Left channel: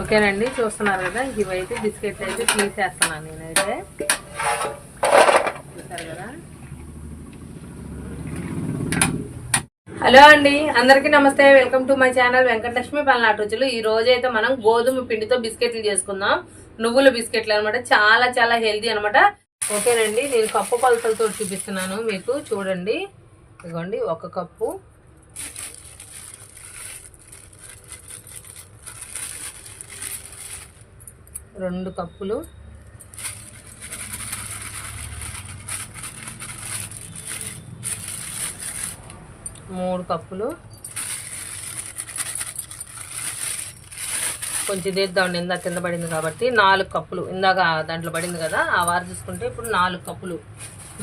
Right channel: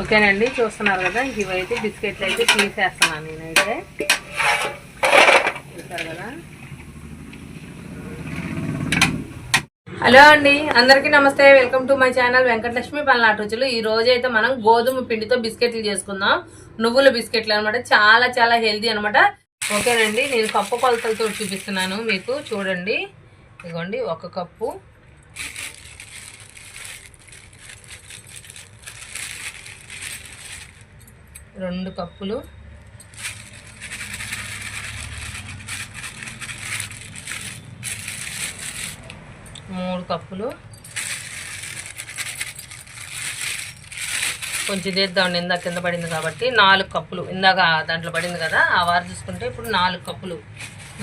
ఓకేనండి, చూస్తున్నారు కదా, ఇవైతే బిస్కెట్లు అయితే తీసేస్తున్నాను నేనైతే. చూసారు కదా. హలో అండి, అందరికీ నమస్తే. Welcome to my channel Venkatalakshmi పల్నాటి రుచులు. ఈ రోజు అయితే మనం గోధుమ పిండితో బిస్కెట్లు చేసుకుందాం. నువ్వుల బిస్కెట్లు అనమాట. చాలా చాలా హెల్తీ అనమాట. ఓకేనండి, నేను కప్పు కొలతలతో చూపిస్తున్నాను మీకు. చూడండి, ఇదిగోండి 1 కప్పు, 2 కప్పులు, 3 కప్పులు, కొంచెం తీద్దామండి, ఇందాక కింద పడింది కాబట్టి. 4 కప్పులు, ఇందాక దాంట్లో పడింది కదా, ఆ వారు చూసుకుంటే ఇప్పుడు 4 కప్పులు.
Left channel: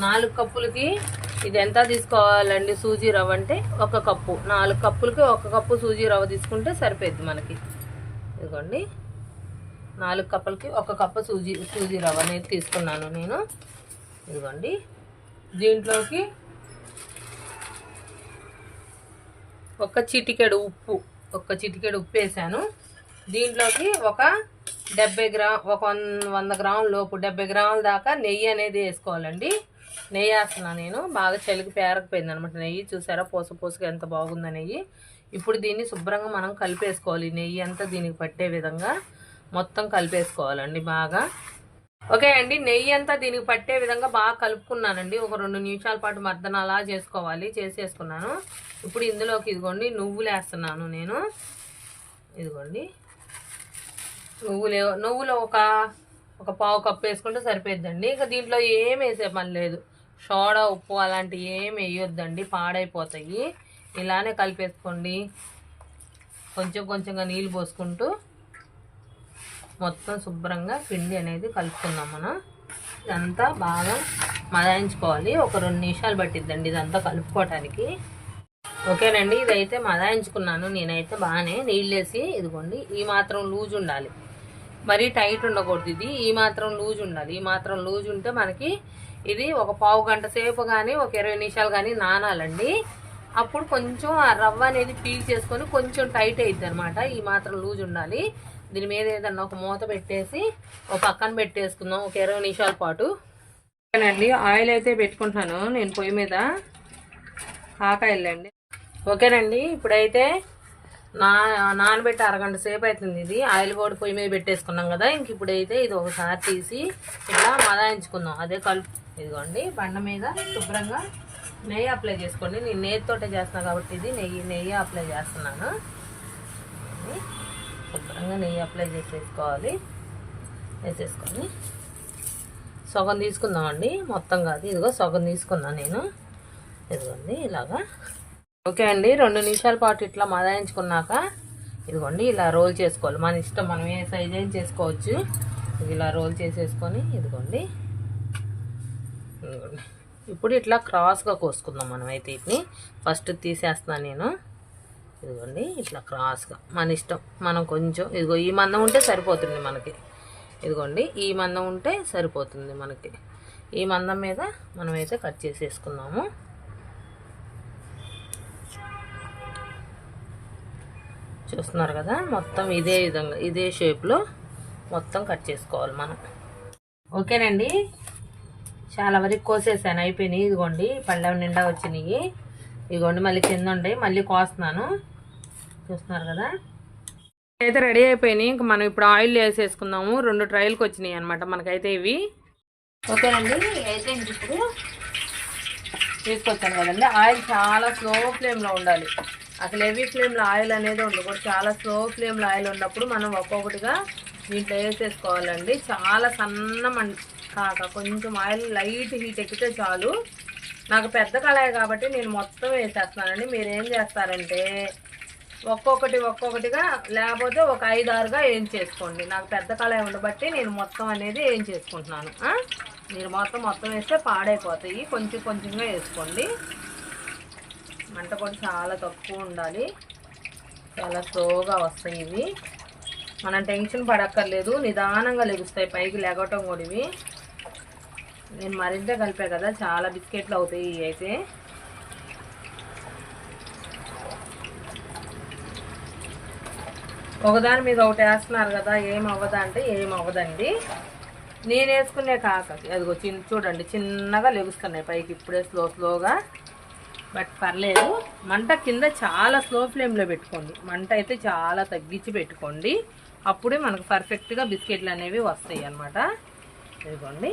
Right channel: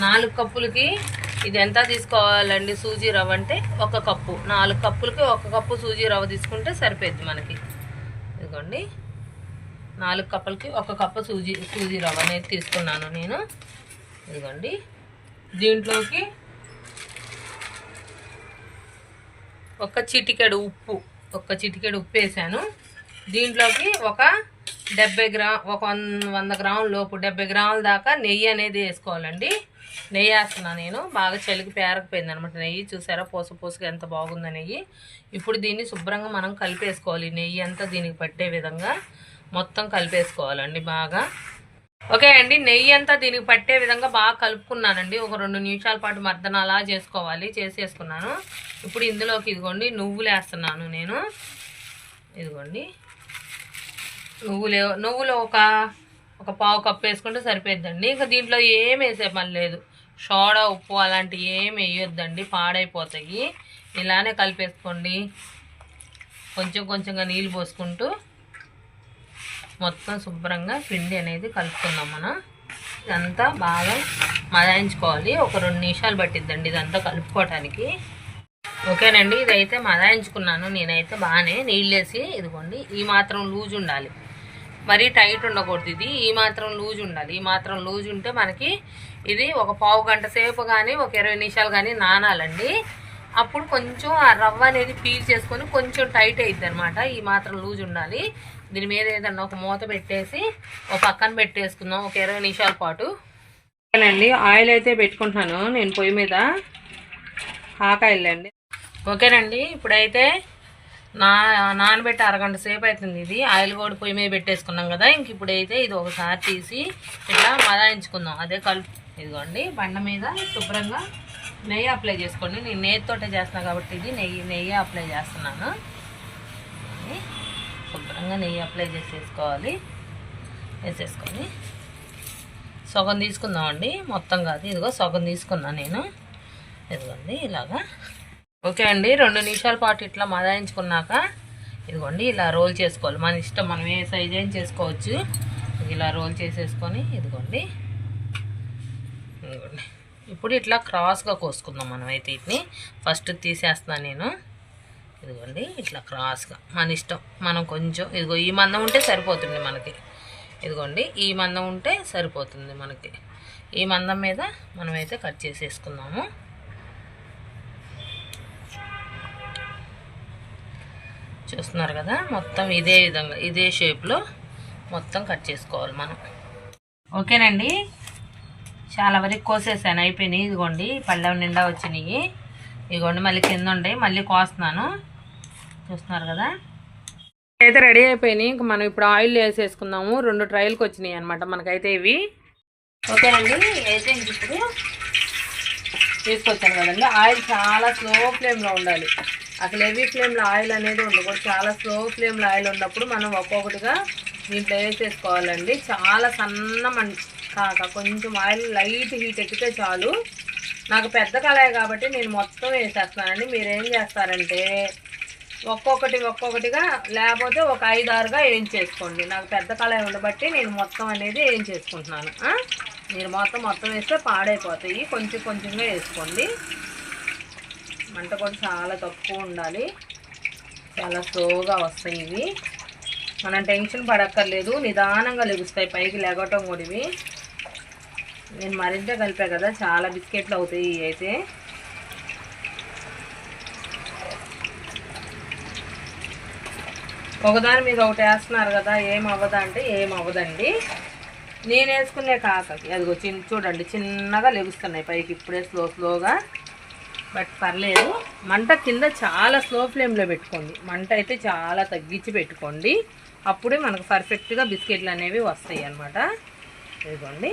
4 కప్పులకి ఇది ఎంత తీసుకోవాలండి? సూజీ రవ్వ అంటే 1 కప్పు. 4 కప్పులకి 1 కప్పు సూజీ రవ్వ తీసుకుంటే సరిపోద్ది మనకి. ఇదిగోండి, 4 కప్పులకి 1 కప్పు సూజీ రవ్వ అనేది తీసుకున్నాను నేను. ఇదిగోండి, దీంట్లోకి 1 చిటికెడు ఉప్పు, 1 చిటికెడు ఉప్పు వేసాను. దీంట్లోకి ఒక 100 గ్రాముల లోపు, 70 గ్రాముల దాకా నెయ్యి అనేది వేసుకోవాలండి. నెయ్యి వేస్తున్నాను నేను. బాగా చలికి పేరకపోయింది అనమాట నెయ్యి. చూసారా పోసుగా ఎంత బాగుందో నెయ్యి. ఇప్పుడు దీన్ని శుభ్రంగా మనం కలిపేసుకోవాలి. నెయ్యి అంతా దీనికి పట్టే విధంగా మొత్తం కలిపేసుకోవాలండి బాగా. ఓకే అండి, నెయ్యి అంతా దీనికి పట్టే విధంగా బాగా కలుపుకున్నానండి. ఒక 2 నిమిషాల పాటు మర్దన అలా చేసుకోవాలి. చేసేసుకున్నాను. ఇప్పుడు ఇందులోకి ఇదిగోండి నువ్వులు వేస్తున్నాను నేను. ఇదిగోండి నువ్వులు ఒక పావు కప్పు వేసుకుంటే సరిపోద్దండి. ఇంకా దీంట్లో ఏం వేసే పని లేదు. సోడా, ఉప్పు అలాంటివి ఏమి వేయొద్దండి, పాడైపోతాయి. ఇలానే కలిపేసుకోండి. కొంచెంగా నీళ్ళు పోసుకుంటూ మొత్తం శుభ్రంగా పిండి అనేది కలుపుకుందాం మనం. ఇదంతా బాగా మదాయించుకోవాలి. ఒక 2 నిమిషాలు పట్టిద్దండి ఇదంతా కలుపుకోవటానికి. ఓకేనండి, ఇదైతే మదాయించుకున్నాను నేనైతే బాగానే నీళ్ళేసి. ఇదిగోండి, ఈ మాత్రం లూజ్ ఉండాలి, మరీ టైట్ ఉండకూడదు. ఇది ఈ మాత్రం లూజ్ ఉండాలి. ఈ మాత్రం లూజ్ ఉంటే మనకి ఇది ఒక పావు గంట సేపు కానీ ఒక 20 నిమిషాలు కానీ నానాలండి. అప్పుడు కొంచెం ఆ రవ్వ అనేది పీల్ చేసుకొని కొంచెం టైట్ అవుతుంది అనమాట. ఈ మాత్రం లూజ్ ఉండాలి. దీని మీద ఏదన్నా ఒక మూత పెట్టేసి ఒక పక్కన పెట్టేసుకుందాం ఒక 20 నిమిషాల పాటు. ఓకేనండి, ఆయిల్ అయితే పెట్టుకుంటున్నాను నేను పొయ్యి మీద. ఆకాయలు అండి. ఓకేనండి, ఇప్పుడైతే నానబెట్టి 1 గంట సేపు అవుతుంది. ఇది ఆయిల్ కూడా పొయ్యి మీద పెట్టేసుకున్నాం కదా. ఇంక ఇప్పుడైతే ఇది ఒకసారి తీసి ఇలా మదాయించుకుందాం. అదే ఇదిగోండి, బండ మీద శుభ్రంగా నెయ్యి అప్లై చేసుకోండి. నేను నెయ్యితోటే చేస్తున్నాను కాబట్టి ఇది నెయ్యి అప్లై చేస్తున్నాను. శుభ్రంగా నెయ్యి అప్లై వేసేసుకొని సగం తీసుకుందామండి, మొత్తం కాదు. ఇదిగో సగం తీసుకున్నాను నేను. ఇదిగోండి ఇలాగా. ఓకే అండి, 2 నిమిషాల పాటు ఇట్లా మదాయించుకున్నాక ఇదిగోండి ఇలా రోల్ చేసుకోవాలి. మన ఇష్టం, మనం ఏ సైజ్ అయినా చేసుకోవచ్చు. ఇలా రోల్ చేసేసుకొని ఇదిగోండి ఇప్పుడు ఇట్లా క్రాస్గా కోసుకుందాం మనం. అయితే వీటిని ఫస్ట్ తీసేస్తున్నాను నేను. ఇదిగోండి ఇట్లా క్రాస్గా మన ఇష్టం. మనం కొంచెం ఇదిగో ఈ మందం ఉంటే సరిపోతుంది మనకి. ఇదిగోండి ఈ మందం ఉంటే సరిపోతుంది మనకి. ఈ మందం మీద మనమైతే కట్ చేసేసుకుందాము. చూస్తున్నారు కదా, మొత్తం ఇదే విధంగా ఇదే షేప్లో మొత్తం కట్ చేసుకోవాలి మనం. ఓకేనండి, చాలా వరకు కోసేసాను, అయిపోయినాయి. ఇదిగోండి పళ్ళెం నిండా వచ్చినాయి. ఇదిగోండి మళ్ళీ కింద ఉండే మళ్ళీ కోస్తున్నాను. చూస్తున్నారు కదా, అయితే రెడీ అయిపోయినాయి. ఇంక మనం ఇప్పుడు ఆయిల్ వేసేసుకుందాము. 2 ట్రైల్కి వచ్చినాయి అనమాట మనకైతే ఇవి. ఓకేనండి, అయితే ఇంక ఇప్పుడు తీసుకొచ్చాను కదండి. ఆయిల్ చాలా స్లో ఫ్లేమ్లో ఉండాలి. అసలు హెవీ ఫ్లేమ్లో ఆయిల్ అనేది ఉండకూడదు. చాలా స్లో ఫ్లేమ్లో ఆయిల్ ఉన్నప్పుడు మనం ఒక్కొక్కటిగా దీంట్లో వేసేసుకోవాలండి. చాలా సన్న కాక కొంచెం ఆయిల్ లైట్ హీట్ ఎక్కితే చాలు. నాకు పెద్ద కళాయి కాబట్టి నేను మొత్తం వేసేస్తానండి. మీరు ఏం చేస్తారంటే ఒక్కొక్కటిగా, లేకపోతే ఒక 5-6గా వేయించేసుకోండి. నాకు పెద్ద కళాయి ఉండబట్టి నేను మొత్తం అనేది వేయించేసుకుంటున్నాను. మీరు మొత్తం వేస్తే పాడైపోతాయి. కొంచెంగా వేసుకోండి. మంట కూడా చాలా తక్కువ ఉండాలి. చాలా స్లోగా వస్తాయి ఇవి. మనం టెన్షన్ పడక్కర్లేదు, నిదానంగా లెగుస్తాయి. పైకి లెగటం కూడా ఇవి. నేను మరింత కలిపా కదా, చాలా బిస్కెట్లు అవుతాయి ఇవి అయితే. ఒకదాని మీద ఒకటి వేస్తున్నారు కదా, ఏం అవ్వదా అంటే ఏం అవ్వదండి. నేను వేసుకునే కాకకి అదిగో చూడండి చిన్నగా లెగుస్తున్నాయి పైకి ఇప్పుడే స్లోగా. బట్ పర్లేదు. మంట కింద చాలా స్లో ఫ్లేమ్లో పెట్టుకోండి. మంట అయితే చాలా తగ్గించి పెట్టుకోండి. అప్పుడే మనకు పర్ఫెక్ట్గా బిస్కెట్లు అనేవి వస్తాయి అన్నమాట. ఇదిగోండి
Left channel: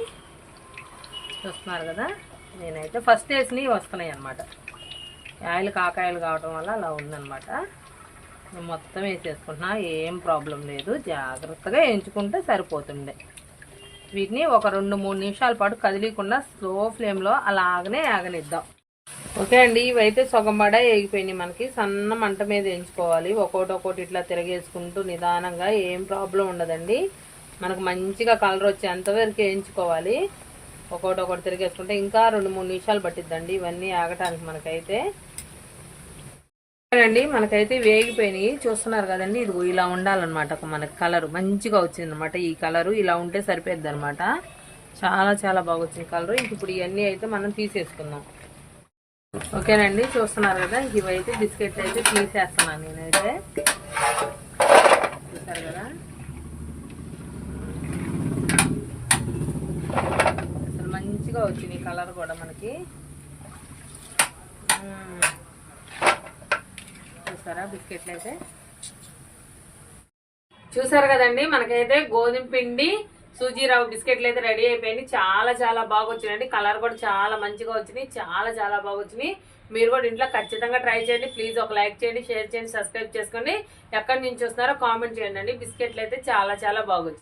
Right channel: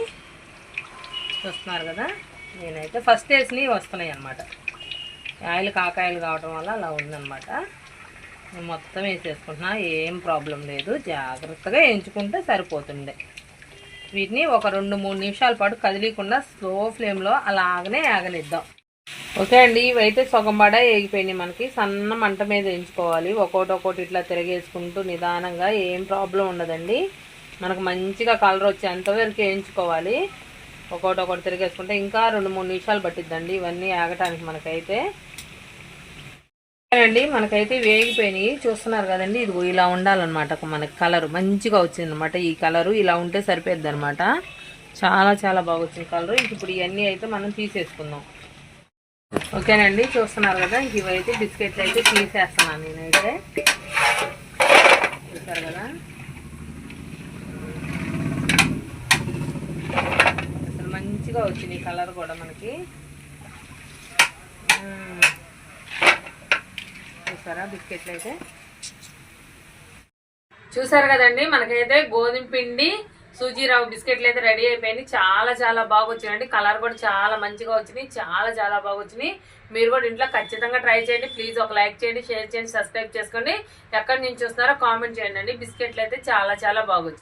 చూస్తున్నారు కదా, నేనైతే ఫస్ట్ వేసినవి వస్తున్నాయి అన్నమాట. ఆయిల్ కాకాయలు కావడం వల్ల అలా ఉందన్నమాట. నేను మొత్తం వేసేసుకుంటున్నా, ఏం ప్రాబ్లం లేదు. జాగ్రత్తగా వేయించుకుంటే సరిపోతుండే. వీటిని ఒక 2-3 నిమిషాల పాటు కదిలీకుండా స్లో ఫ్లేమ్లో అలాగనే ఆగనిద్దాం. ఓకే అండి, ఇవైతే సగం బడ వేగిపోయినాయి. మనకి సన్న మంట మీద వేయించుకోవాలి. ఒక్కొక్కటి ఇట్లా తిరగేసుకుంటూ నిదానంగా, ఏం ప్రాబ్లం ఉండదండి. మనకు మంచిగా కలర్ వచ్చేంతవరకు వేయించుకోవాలి. ఒక్కొక్కటి తిరిగేసుకుంటే ఇంకా 2-3 నిమిషాలు పట్టిద్దండి ఇవన్నీ ఆగటానికి. మనకైతే అండి మనకైతే వేగిపోయినాయి చూస్తున్నారు కదండి. ఇదిగో ఇలా ఉండాలన్నమాట. మనకి కలర్ మంచిగా వచ్చింది అనమాట. ఈ కలరు ఇలా ఉంటే సరిపోద్ది అనమాట. చాలా చాలా బాగా వచ్చింది కలరు. ఇప్పుడు ఇవన్నీ అయితే మనం తీసేసుకుందాం. ఓకేనండి, చూస్తున్నారు కదా, ఇవైతే బిస్కెట్లు అయితే తీసేస్తున్నాను నేనైతే. చూసారు కదా, అసలు మంచిగా వచ్చింది కలర్ కూడా మనకి. చూసారా బిస్కెట్లు అయితే. చూసారు కదండి, మనకైతే గోధుమ పిండి సూజీ రవ్వ బిస్కెట్లు అయితే రెడీ అయిపోయింది. చాలా చాలా బాగా వచ్చినాయండి. కలర్ కూడా చాలా మంచిగా వచ్చినాయి. చాలా చాలా బాగా వచ్చినాయి. మీరు కూడా ఇంట్లో ఖచ్చితంగా ట్రై చేయండి. ప్లీజ్ ఒక లైక్ చేయండి, షేర్ చేయండి, సబ్స్క్రైబ్ చేసుకోండి. ఎక్కడి నుంచి చూస్తున్నారో కామెంట్ చేయండి. బిస్కెట్లు అయితే చాలా చాలా బాగా వచ్చినాయి.